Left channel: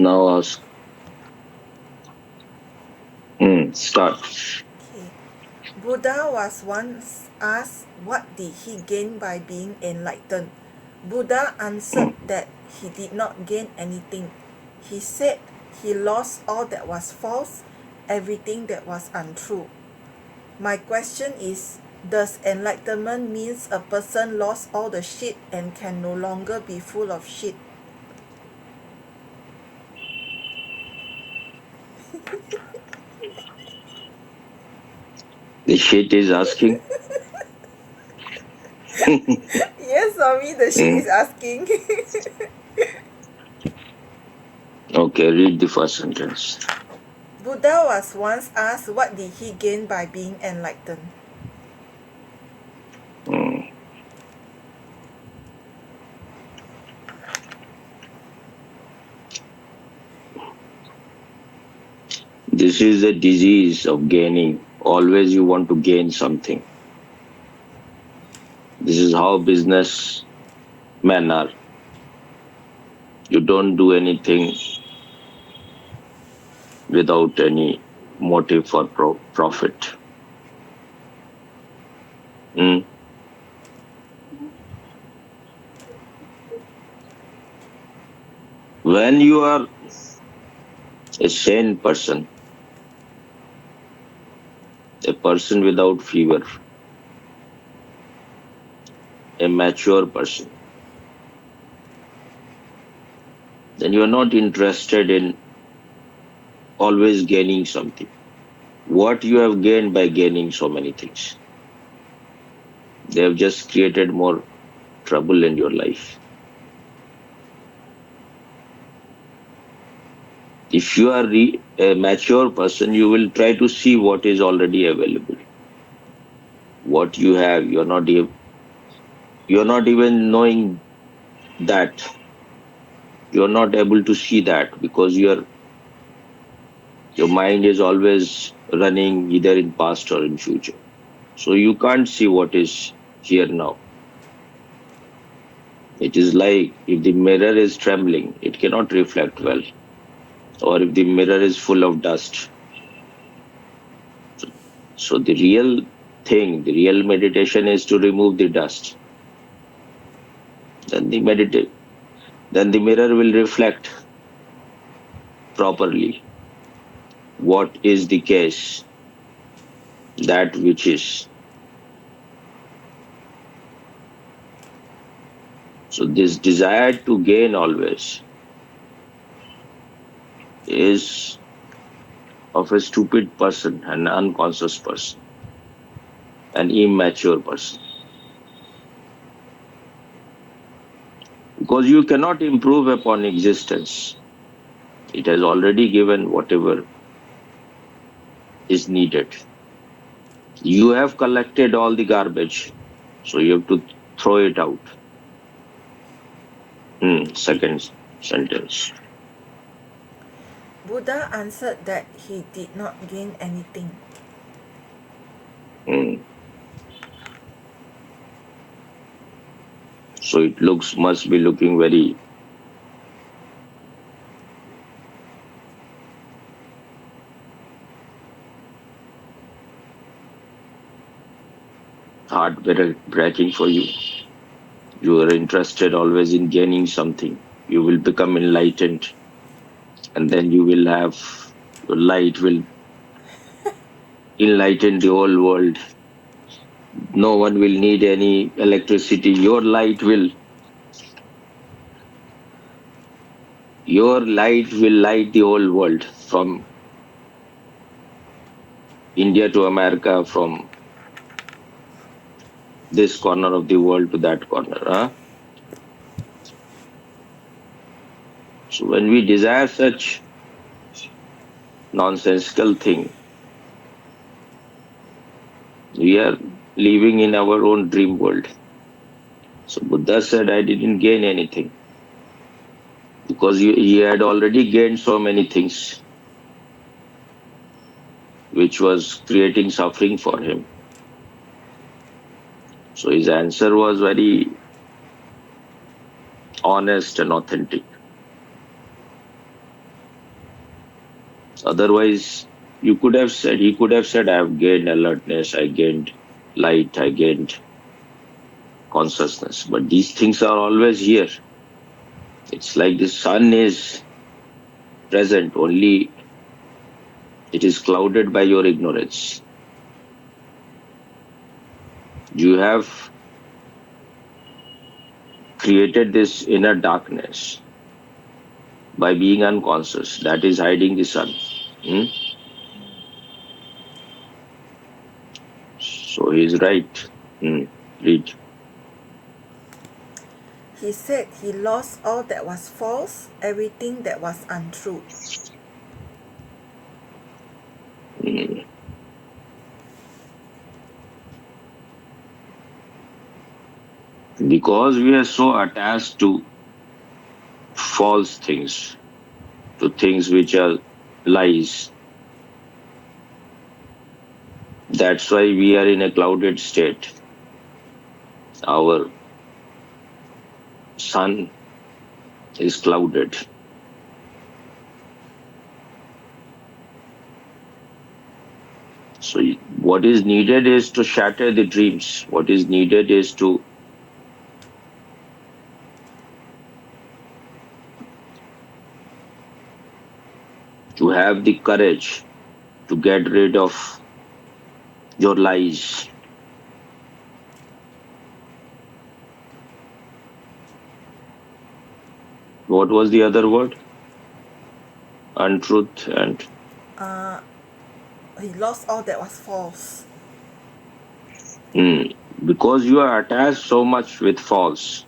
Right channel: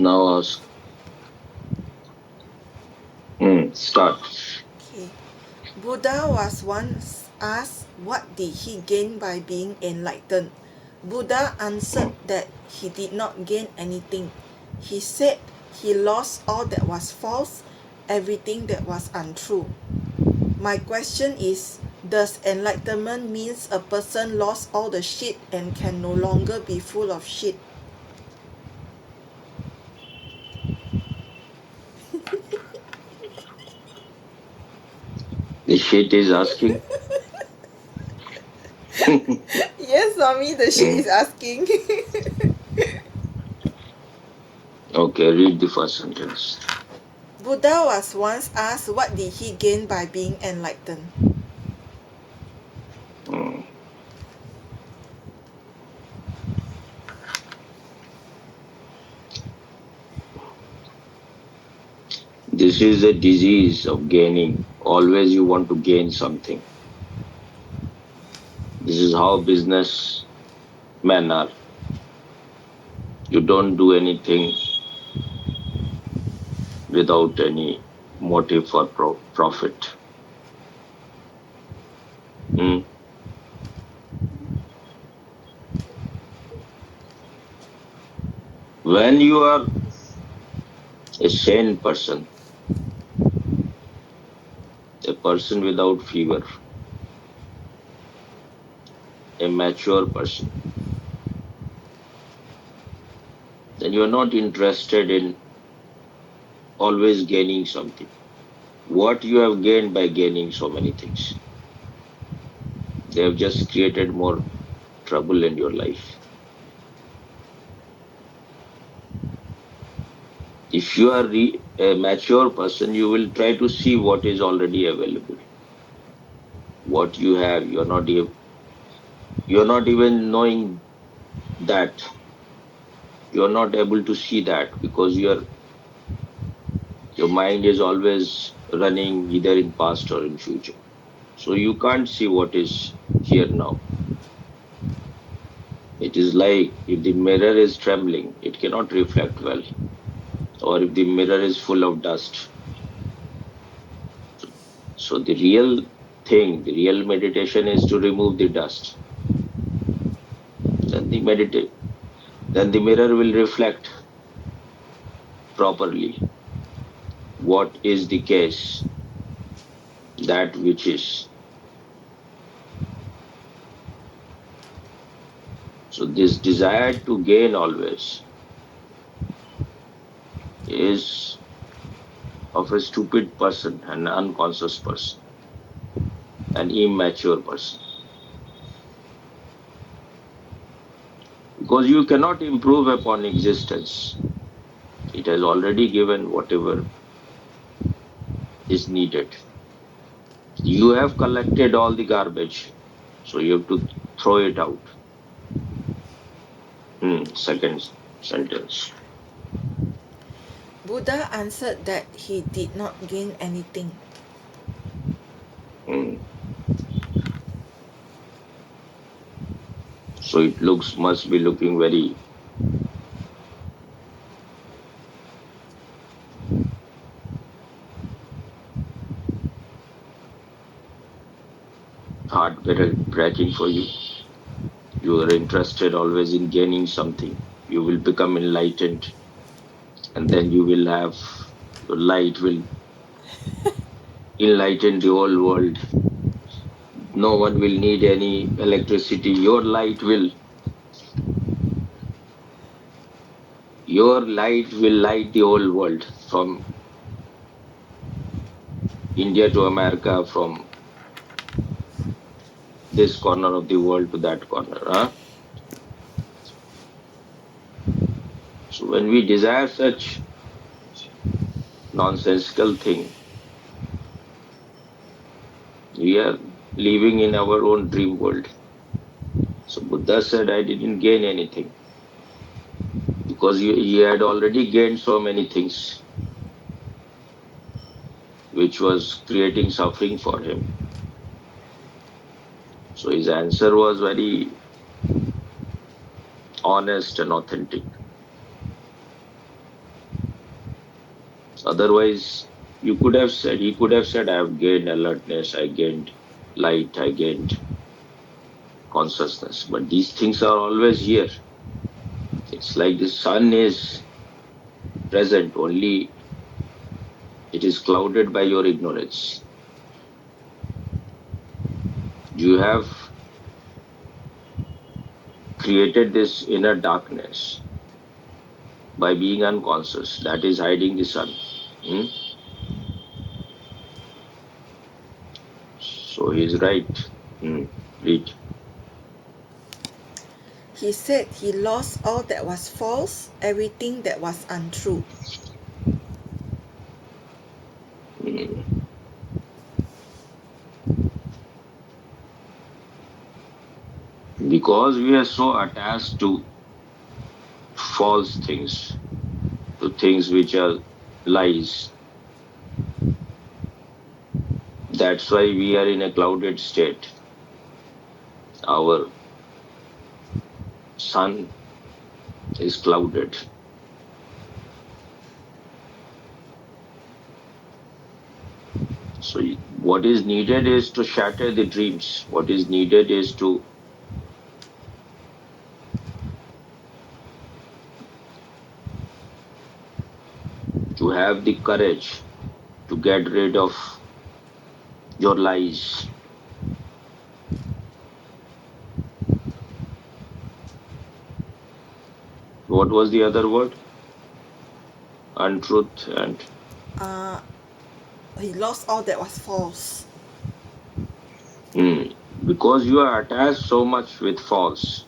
Now ask. Start. Okay. Buddha was once asked what did he gain by being enlightened. Buddha answered that he did not gain anything. He said he lost all that was false, everything that was untrue. My question is, does enlightenment means a person lost all the shit and can no longer be full of shit? The shit is asking. Yes, Swami, the shit is asking. Okay, read the first sentence. Buddha was once asked what did he gain by being enlightened. Hmm. This is the disease of gaining. Always you want to gain something. This is how businessmen are. You don't do anything without any motive for profit. Hmm. When you are a sane person, a person without fever, a mature person, then you are not interested in always gaining something. What you have gained by gaining so many things? They have just created more trouble in your life. If you are a mature person, you will try to see what is already available. What you have, you're not even knowing that. You're not able to see that because your mind is always running either in past or in future. So you can't see what is here now. It is like if the mirror is trembling, it cannot reflect well. Or if the mirror is full of dust. So the real thing, the real meditation is to remove the dust. Then then the mirror will reflect properly what is the case, that which is. So this desire to gain always is of a stupid person, an unconscious person, an immature person. Because you cannot improve upon existence. It has already given whatever is needed. You have collected all the garbage, so you have to throw it out. Second sentence. Buddha answered that he did not gain anything. Hmm. So it must be looking very heartbreaking for you. You are interested always in gaining something. You will become enlightened, and then you will have your light will enlighten the whole world. No one will need any electricity. Your light will light the whole world from India to America, from this corner of the world to that corner. Huh? So when we desire such nonsensical thing, we are living in our own dream world. So Buddha said, I didn't gain anything because he had already gained so many things, which was creating suffering for him. So his answer was very honest and authentic. Otherwise, he could have said, I have gained alertness, I gained light, I gained consciousness. But these things are always here. It's like the sun is present, only it is clouded by your ignorance. You have created this inner darkness by being unconscious. That is hiding the sun. Hmm? So he is right. Read. He said he lost all that was false, everything that was untrue. Hmm. Because we are so attached to false things, to things which are lies. That's why we are in a clouded state. Our sun is clouded. So what is needed is to shatter the dreams. What is needed is to have the courage to get rid of your lies. What was the other word? Untruth and He lost all that was false. because you are attached so much with false.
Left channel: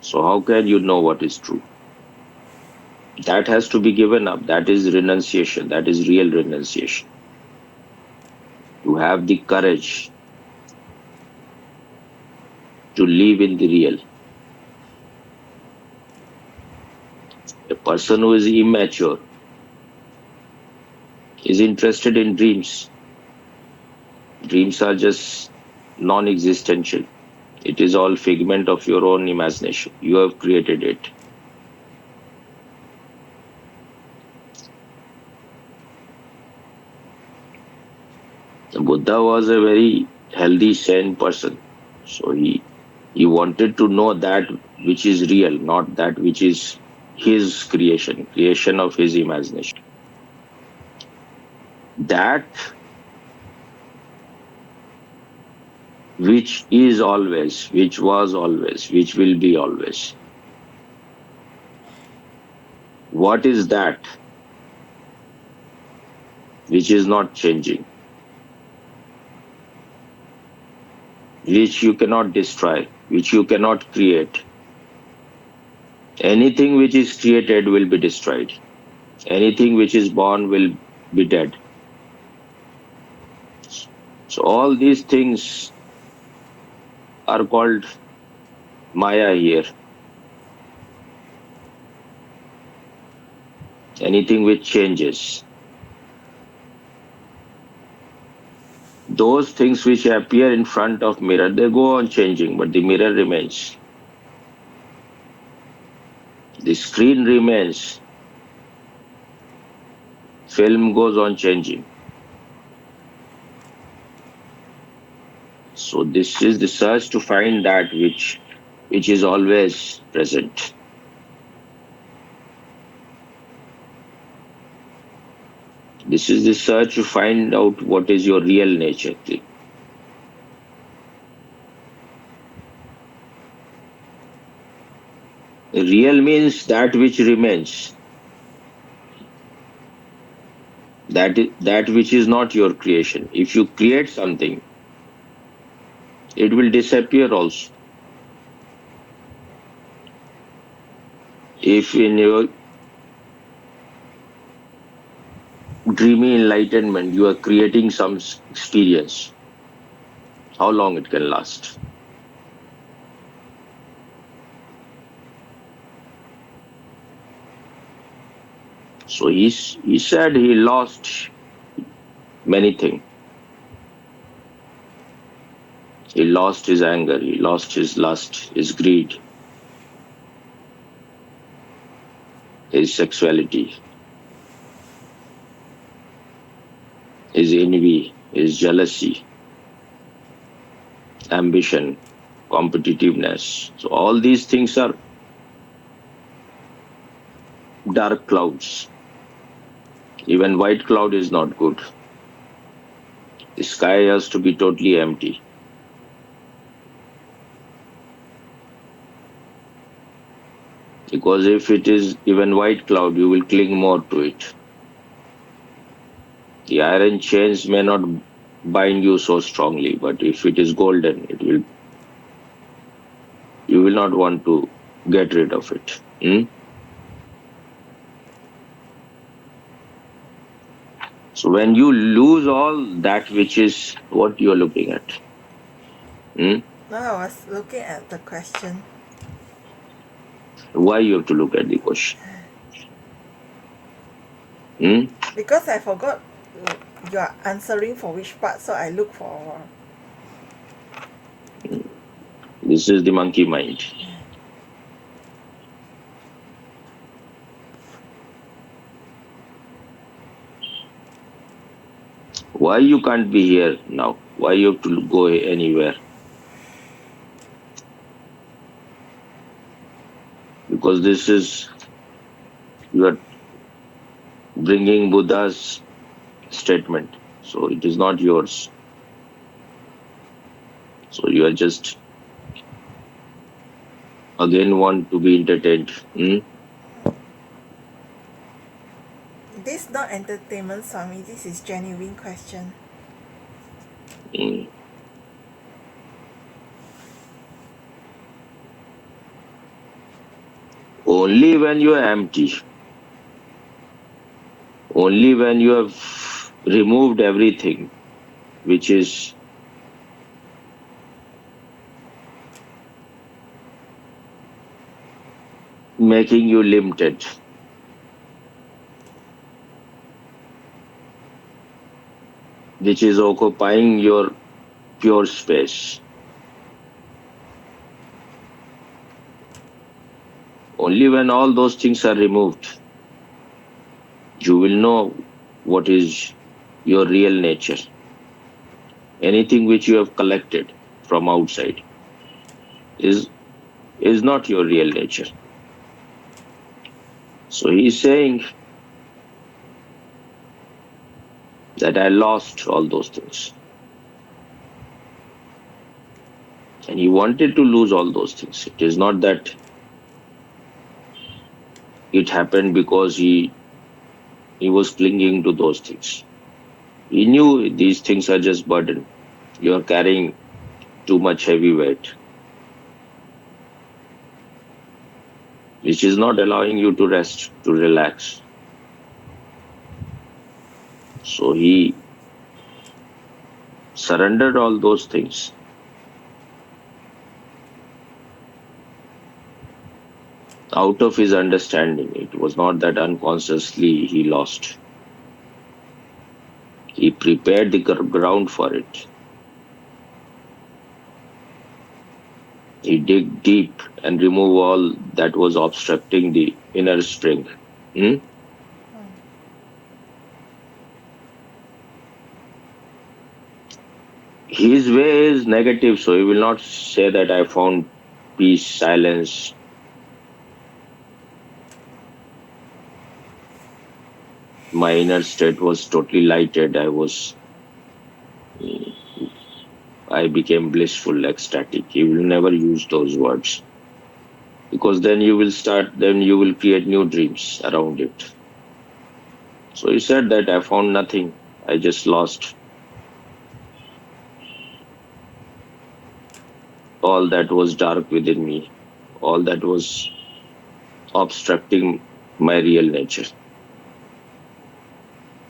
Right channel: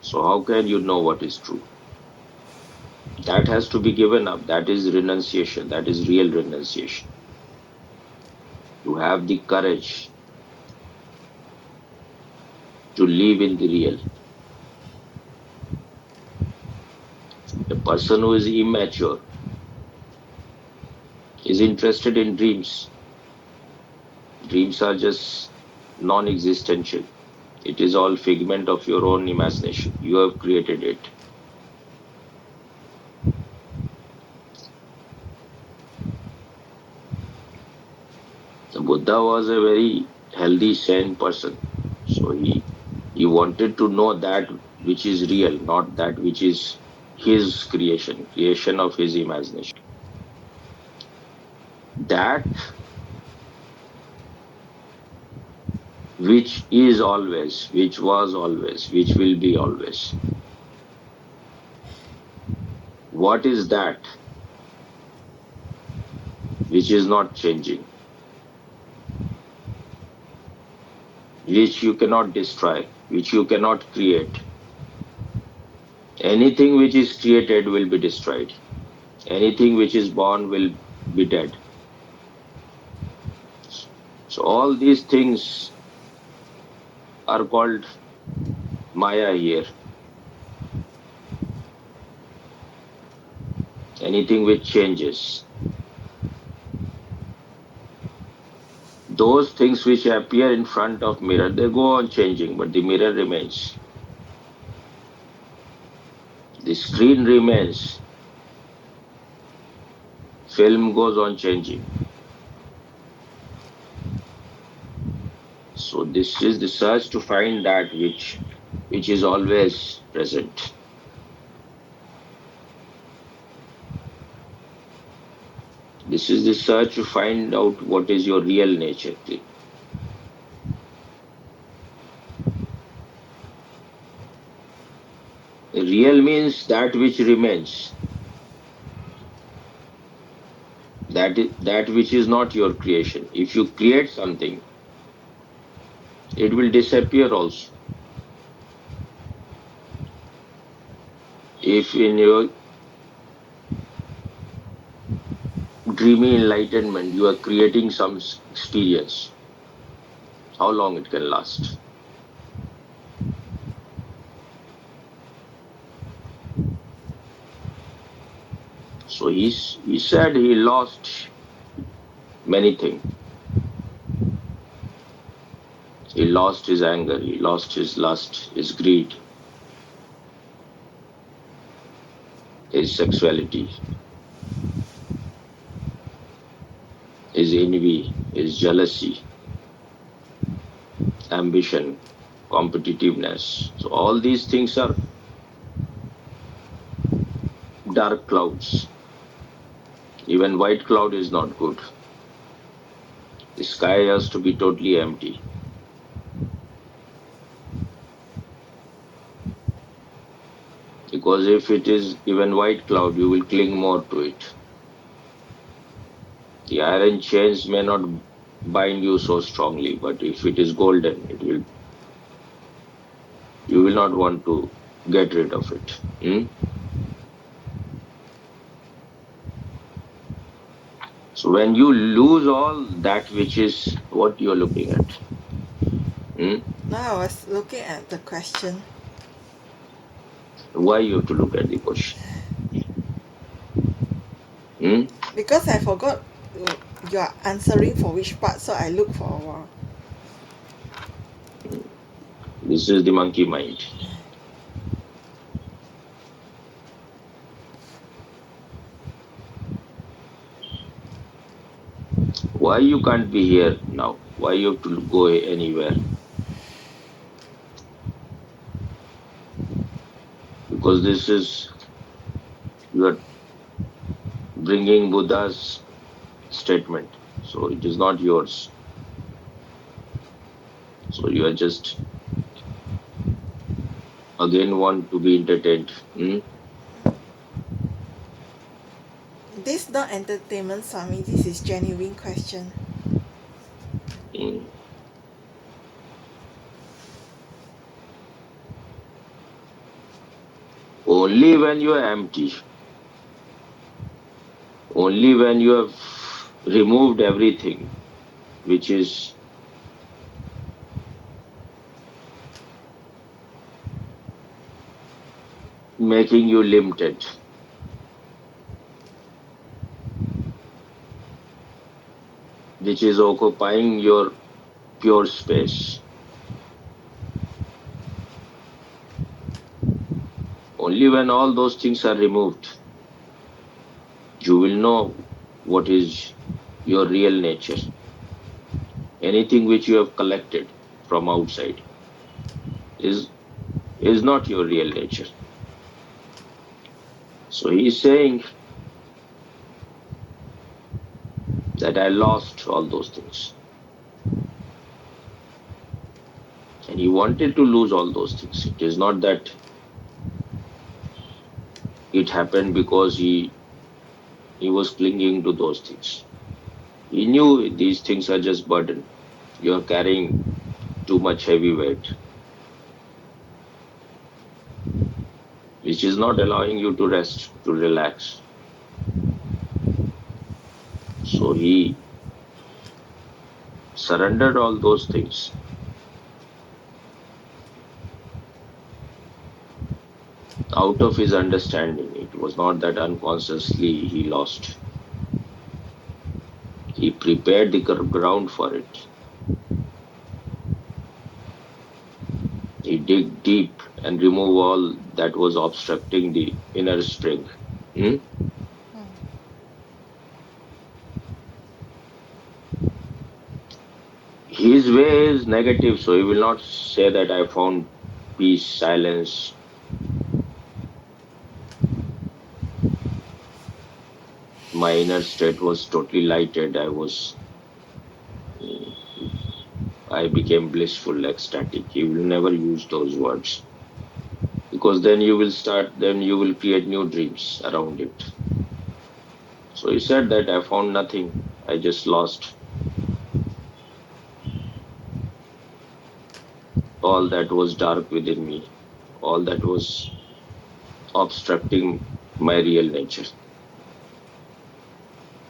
So how can you know what is true? That has to be given up. That is renunciation. That is real renunciation. To have the courage to live in the real. A person who is immature is interested in dreams. Dreams are just non-existential. It is all figment of your own imagination. You have created it. The Buddha was a very healthy, sane person. So he wanted to know that which is real, not that which is his creation of his imagination. That which is always, which was always, which will be always. What is that which is not changing, which you cannot destroy, which you cannot create? Anything which is created will be destroyed. Anything which is born will be dead. So all these things are called Maya here. Anything which changes. Those things which appear in front of mirror, they go on changing, but the mirror remains. The screen remains. Film goes on changing. So this is the search to find that which is always present. This is the search to find out what is your real nature. Real means that which remains. That which is not your creation. If you create something, it will disappear also. If in your dreamy enlightenment you are creating some experience, how long it can last? So he said he lost many things. He lost his anger, he lost his lust, his greed, his sexuality. is envy, is jealousy, ambition, competitiveness. So all these things are dark clouds. Even white cloud is not good. The sky has to be totally empty. Because if it is even white cloud, you will cling more to it. The iron chains may not bind you so strongly, but if it is golden, you will not want to get rid of it. So when you lose all that which is what you're looking at, Now I was looking at the question. why you have to look at the question? Because I forgot you are answering for which part, so I look for a while. This is the monkey mind. Why you can't be here now? Why you have to go anywhere? Because this is, you are bringing Buddha's statement. So it is not yours. So you are just again want to be entertained. This not entertainment, Swami. This is genuine question. Only when you are empty, only when you have removed everything which is making you limited, which is occupying your pure space. Only when all those things are removed, you will know what is your real nature. Anything which you have collected from outside is not your real nature. So he is saying that I lost all those things. And he wanted to lose all those things. It is not that it happened because he was clinging to those things. He knew these things are just burden. You are carrying too much heavy weight, which is not allowing you to rest, to relax. So he surrendered all those things. Out of his understanding, it was not that unconsciously he lost. He prepared the ground for it. He dig deep and remove all that was obstructing the inner spring. His way is negative, so he will not say that I found peace, silence. My inner state was totally lighted. I became blissful, ecstatic. He will never use those words. Because then you will create new dreams around it. So he said that I found nothing. I just lost all that was dark within me, all that was obstructing my real nature.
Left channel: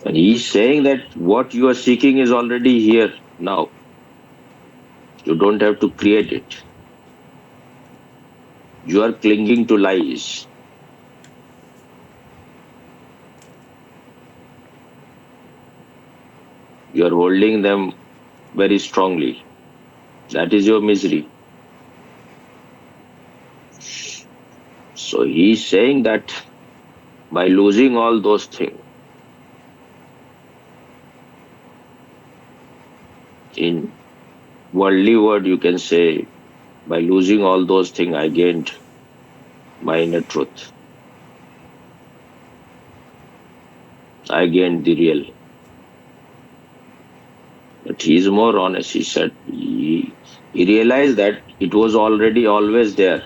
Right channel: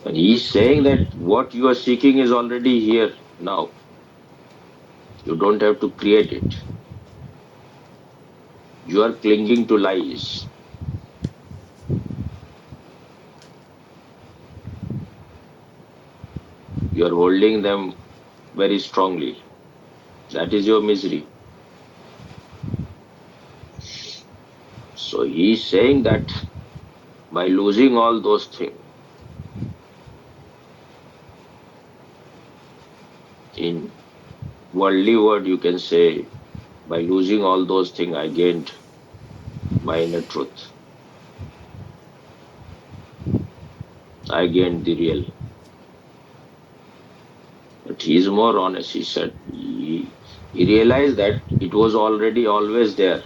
And he's saying that what you are seeking is already here now. You don't have to create it. You are clinging to lies. You are holding them very strongly. That is your misery. So he's saying that by losing all those things, In worldly word, you can say, by losing all those things, I gained my inner truth. I gained the real. But he is more honest. He said he realized that it was already always there.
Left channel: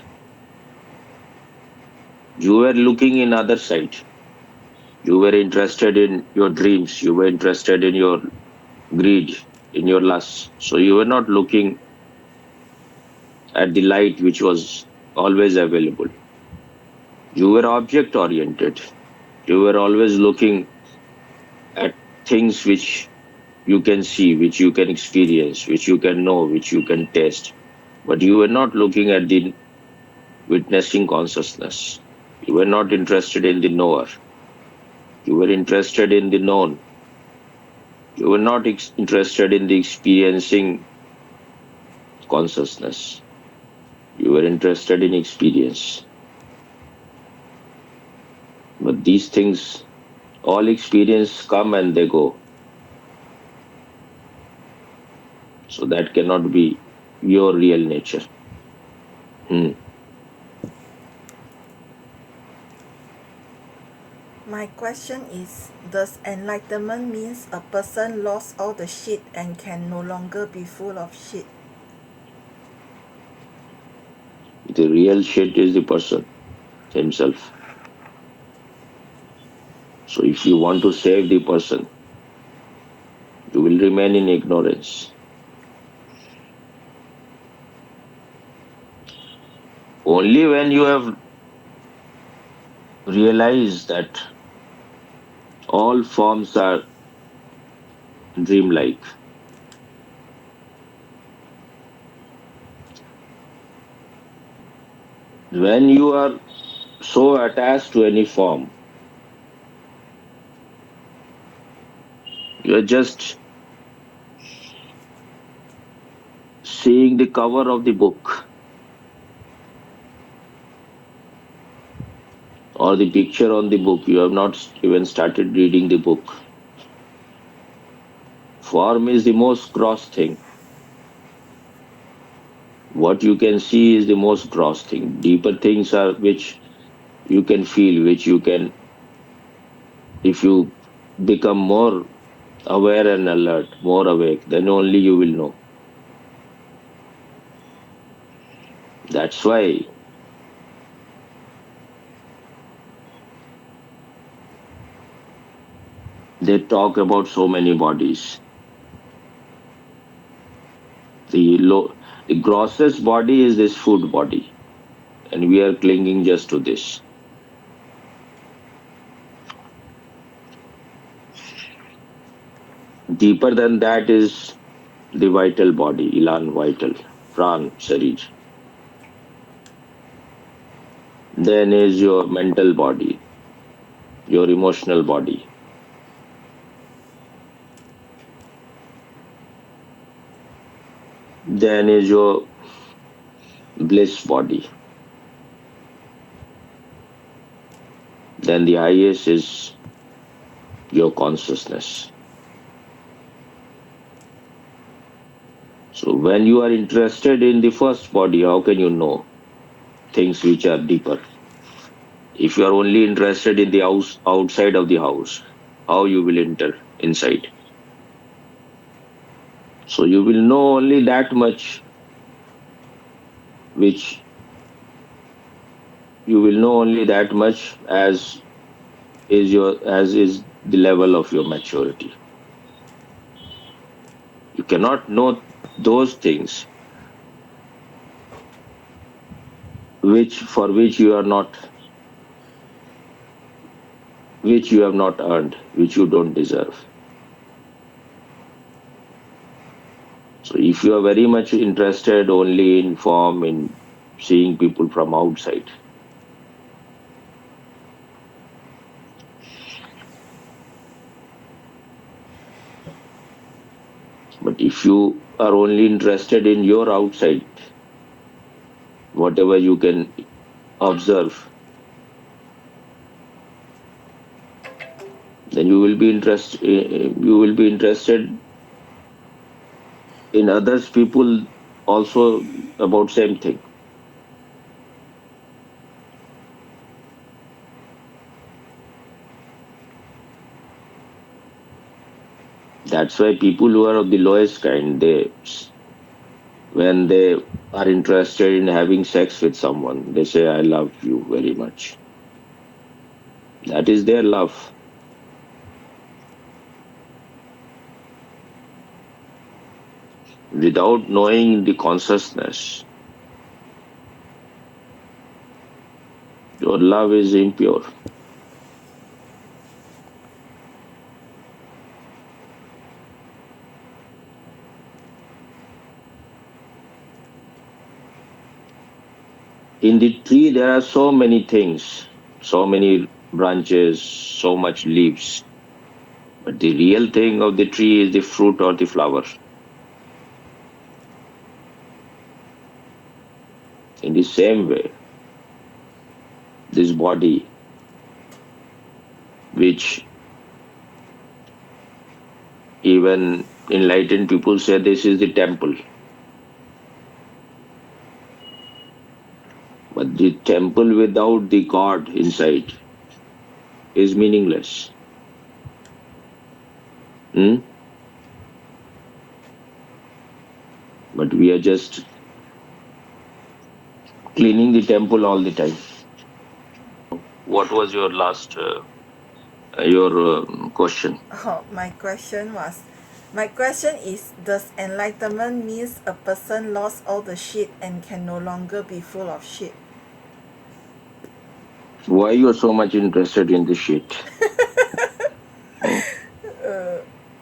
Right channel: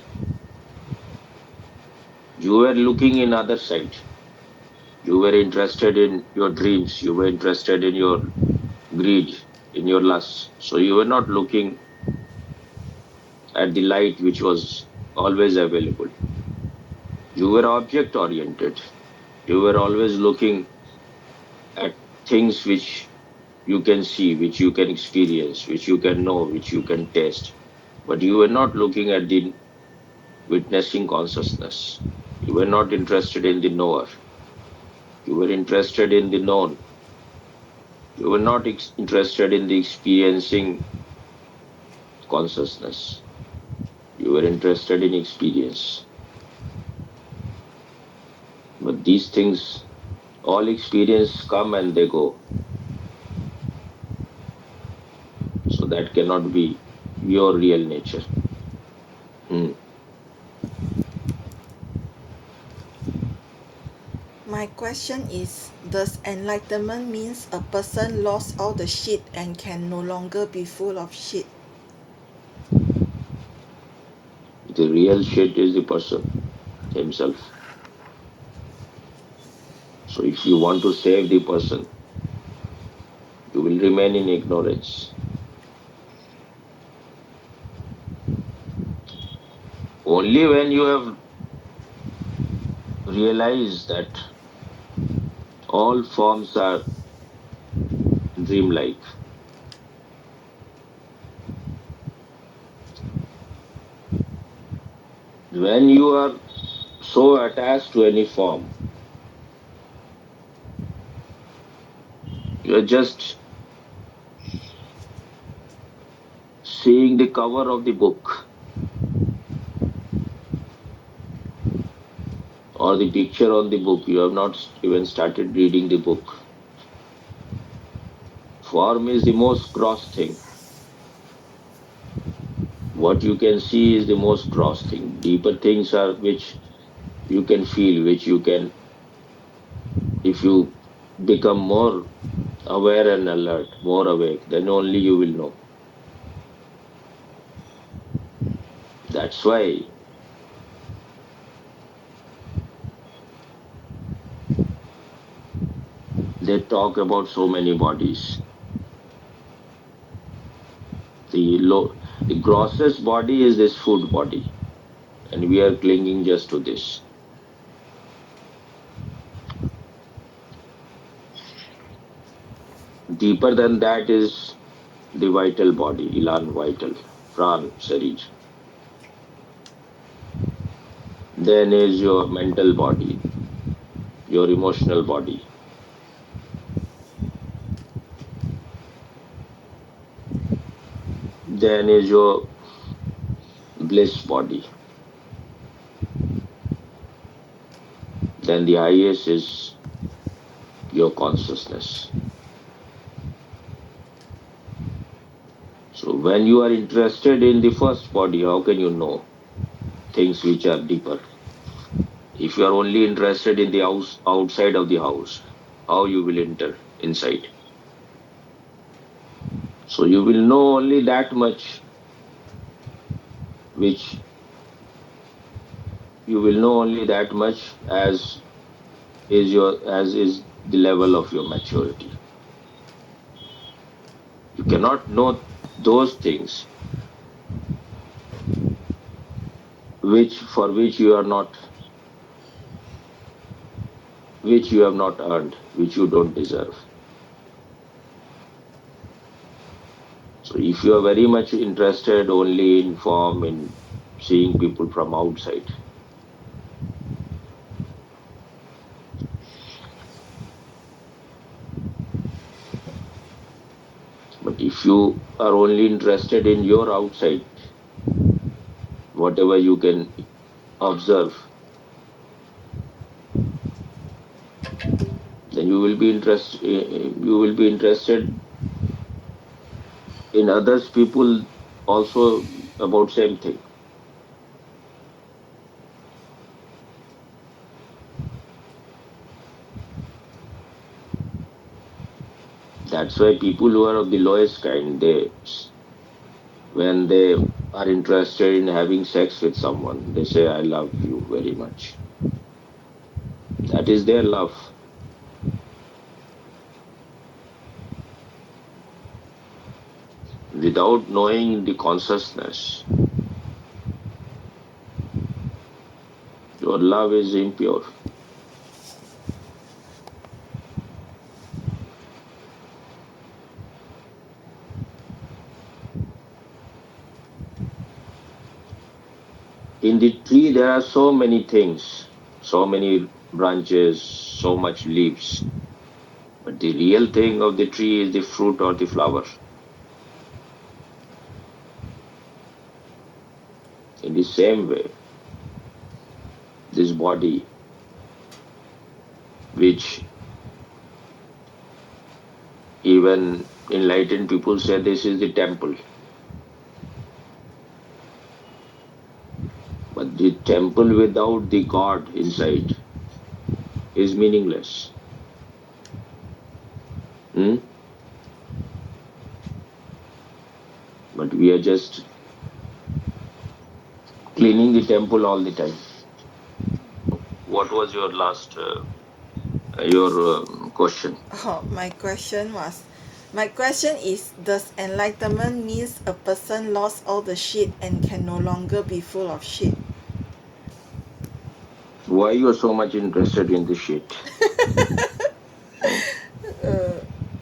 You were looking in other side. You were interested in your dreams. You were interested in your greed, in your lust. So you were not looking at the light which was always available. You were object oriented. You were always looking at things which you can see, which you can experience, which you can know, which you can taste. But you were not looking at the witnessing consciousness. You were not interested in the knower. You were interested in the known. You were not interested in the experiencing consciousness. You were interested in experience. But these things, all experience come and they go. So that cannot be your real nature. My question is, does enlightenment means a person lost all the shit and can no longer be full of shit? The real shit is the person himself. So if you want to save the person, you will remain in ignorance. Only when you have realized that all forms are dreamlike, when you are so attached to any form, you are just seeing the cover of the book or the picture on the book. You have not even started reading the book. Form is the most gross thing. What you can see is the most gross thing. Deeper things are which you can feel, which you can, if you become more aware and alert, more awake, then only you will know. That's why they talk about so many bodies. The grossest body is this food body, and we are clinging just to this. Deeper than that is the vital body, Ilan vital, Pran, Sharir. Then is your mental body, your emotional body. Then is your bliss body. Then the highest is your consciousness. So when you are interested in the first body, how can you know things which are deeper? If you are only interested in the house, outside of the house, how you will enter inside? So you will know only that much, which you will know only that much as is the level of your maturity. You cannot know those things which you are not, which you have not earned, which you don't deserve. So if you are very much interested only in form, in seeing people from outside, but if you are only interested in your outside, whatever you can observe, then you will be interested in others people also about same thing. That's why people who are of the lowest kind, when they are interested in having sex with someone, they say, I love you very much. That is their love. Without knowing the consciousness, your love is impure. In the tree, there are so many things, so many branches, so much leaves. But the real thing of the tree is the fruit or the flower. In the same way, this body, which even enlightened people say this is the temple. But the temple without the God inside is meaningless. Hmm? But we are just cleaning the temple all the time. What was your last your question? Oh, my question is, does enlightenment means a person lost all the shit and can no longer be full of shit? Why you are so much interested in this shit? Hmm?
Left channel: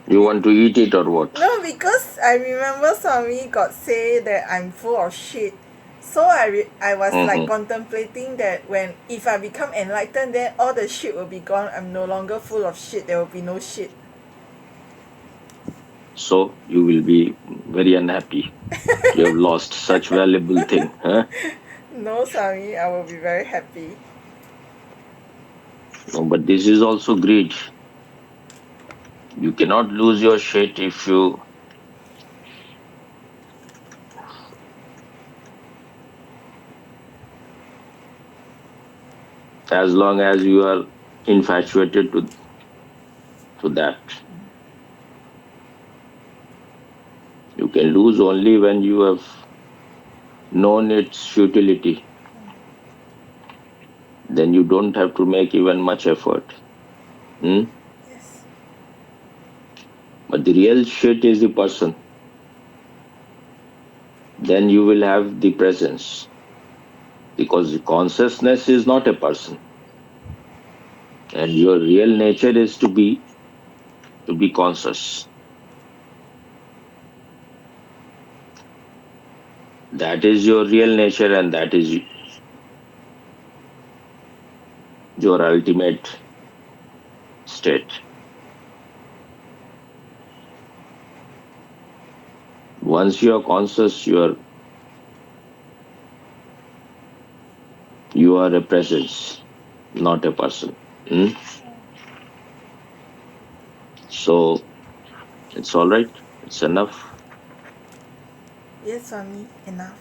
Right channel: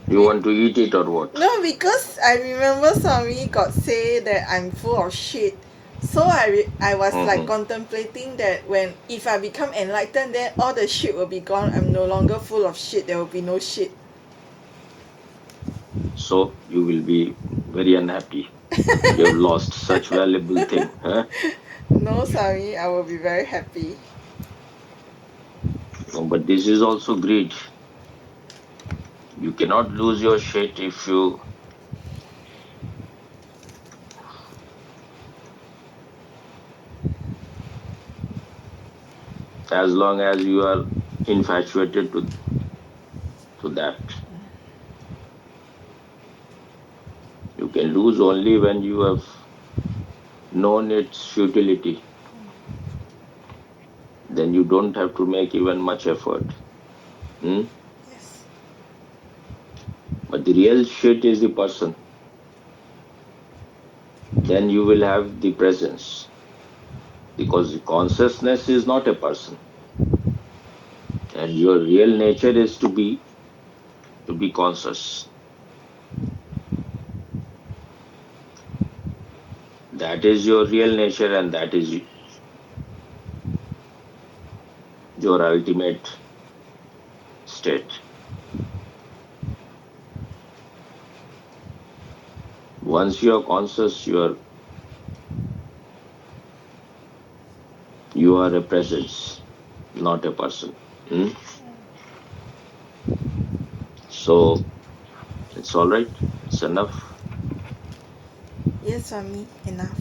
You want to eat it or what? No, because I remember Swami got say that I'm full of shit. So I was like Hmm. contemplating that when if I become enlightened, then all the shit will be gone. I'm no longer full of shit. There will be no shit. So you will be very unhappy. You have lost such valuable thing, huh? No, Swami, I will be very happy. No, but this is also greed. You cannot lose your shit if you, as long as you are infatuated to that. You can lose only when you have known its futility. Then you don't have to make even much effort. Hmm? Yes. But the real shit is the person. Then you will have the presence. Because the consciousness is not a person. And your real nature is to be conscious. That is your real nature and that is your ultimate state. Once you are conscious, you are a presence, not a person. Hmm? So it's all right. It's enough. Yes, Swami, enough.